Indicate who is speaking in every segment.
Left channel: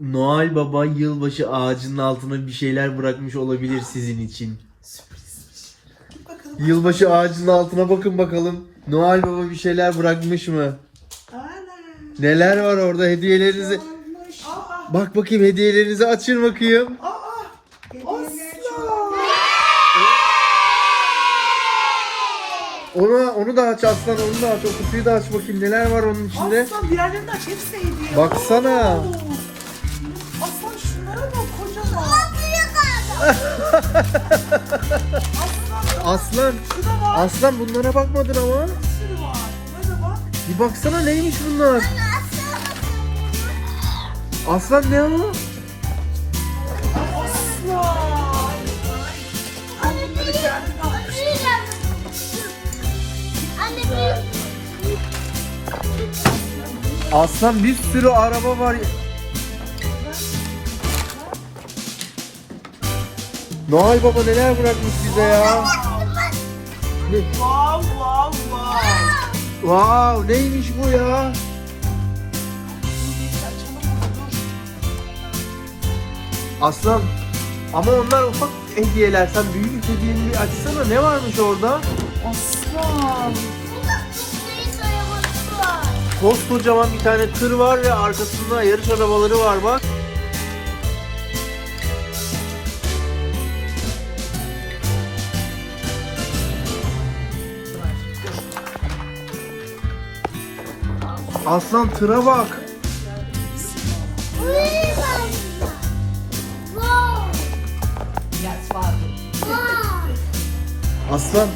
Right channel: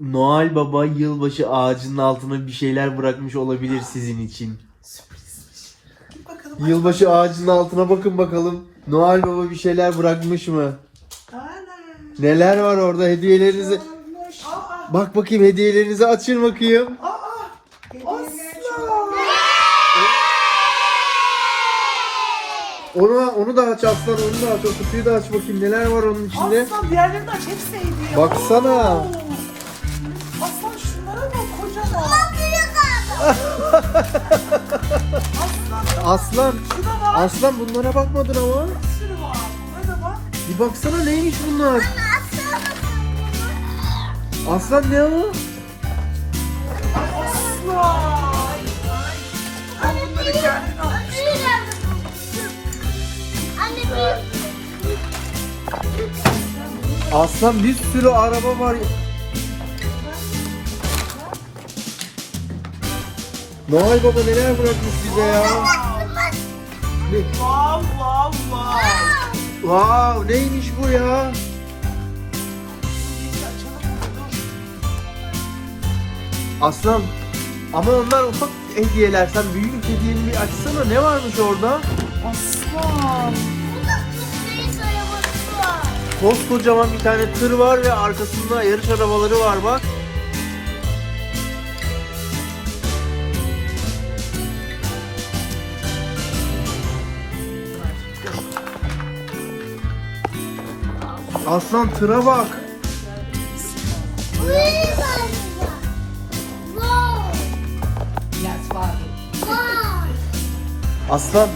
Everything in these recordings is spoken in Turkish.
Speaker 1: Noel Baba yılbaşı ağacının altına bir şeyler bırakmış olabilir sizin için. Yılbaşı ağacının altına bakın bakalım. Noel Baba bir şeyler bırakmış mı? Neler var orada hediyelerinizi? Bak bakayım hediyelerinizi açın bakayım. Onu onu da aç aslan onu da aç. O kutuyu da aç bakayım neler var onun içinde.
Speaker 2: Aslan diğerlerini aç hepsi hediye.
Speaker 1: Baksana.
Speaker 2: Oo. Aslan şunlara bak kocaman. Aslan
Speaker 1: Aslan
Speaker 2: şuna bak.
Speaker 1: aslan bunlara bakmadın ama.
Speaker 2: Bir sürü var. Buna bak.
Speaker 1: Bir baksana neymiş bunlar? Aslan ne o?
Speaker 2: Aslan. Bunları.
Speaker 1: Aslan bir sürü araba var. Noel Baba neler bırakmış bize ya? Ne?
Speaker 2: Wow wow wow.
Speaker 1: Wow neymiş bu ya? Aslan ama onlar ufak hediyeler. Sen büyük hediyeleri açsana. Ne varmış orada?
Speaker 2: Aslan.
Speaker 1: Koskocaman bir tane tır var ve arkasında yarış arabaları var bak. Aslan tıra bak. Aslan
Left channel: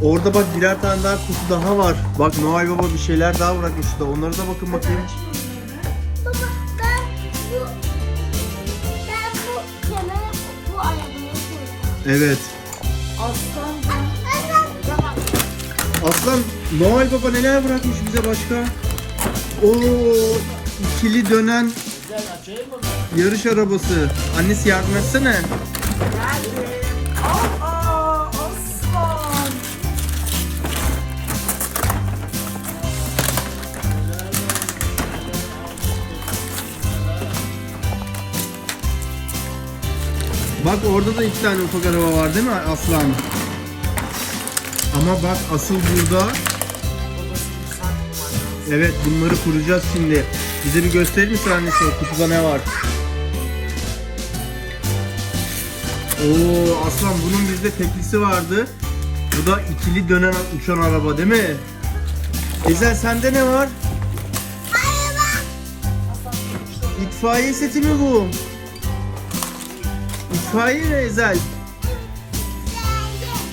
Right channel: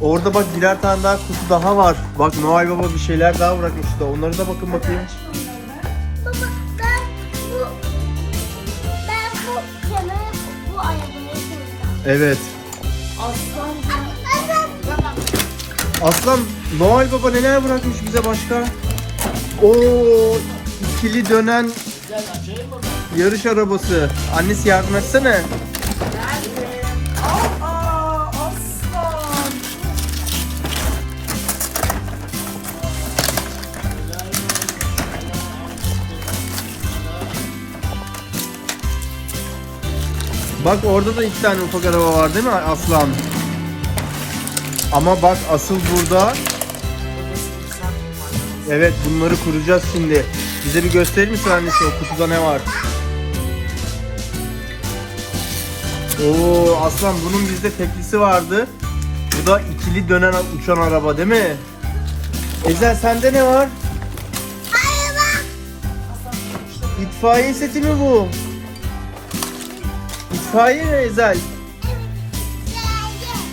Speaker 1: orada bak birer tane daha kutu daha var. Bak Noel Baba bir şeyler daha bırakmış da onlara da bakın bakayım. Evet.
Speaker 2: Aslan
Speaker 1: Noel Baba neler bırakmış bize başka? Oo ikili dönen yarış arabası. Annesi yardım etsene. Bak orada da iki tane ufak var değil mi Aslan? Ama bak asıl burada Evet bunları kuracağız şimdi. Bize bir gösterir misin annesi o kutuda ne var? Oo aslan bunun bizde teklisi vardı. Bu da ikili dönen uçan araba değil mi? Ezel sende ne var? İtfaiye seti mi bu? İtfaiye mi Ezel?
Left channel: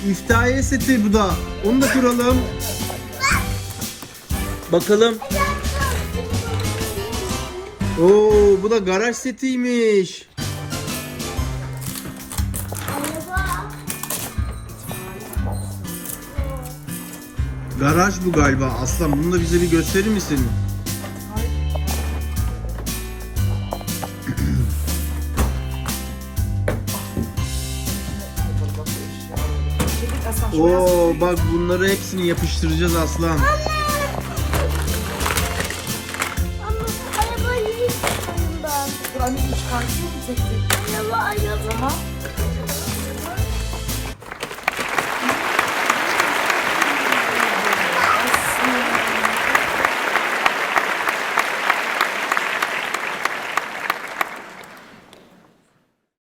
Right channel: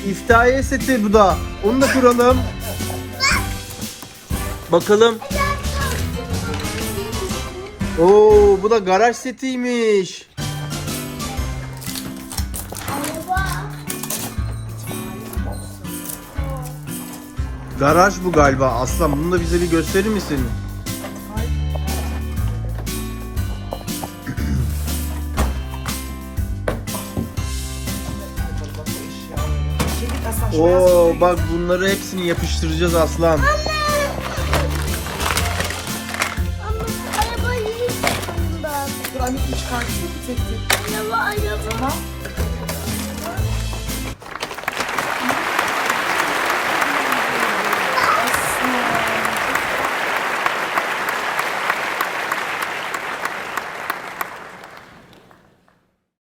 Speaker 1: İtfaiye seti bu da. Onu da kuralım. Bakalım. Oo bu da garaj setiymiş. Garaj bu galiba. Aslan bunu da bize bir gösterir misin? Oo bak bunları hepsini yapıştıracağız aslan. Ama araba yiyeyim ben. Abi çıkartıp tek tek. Araba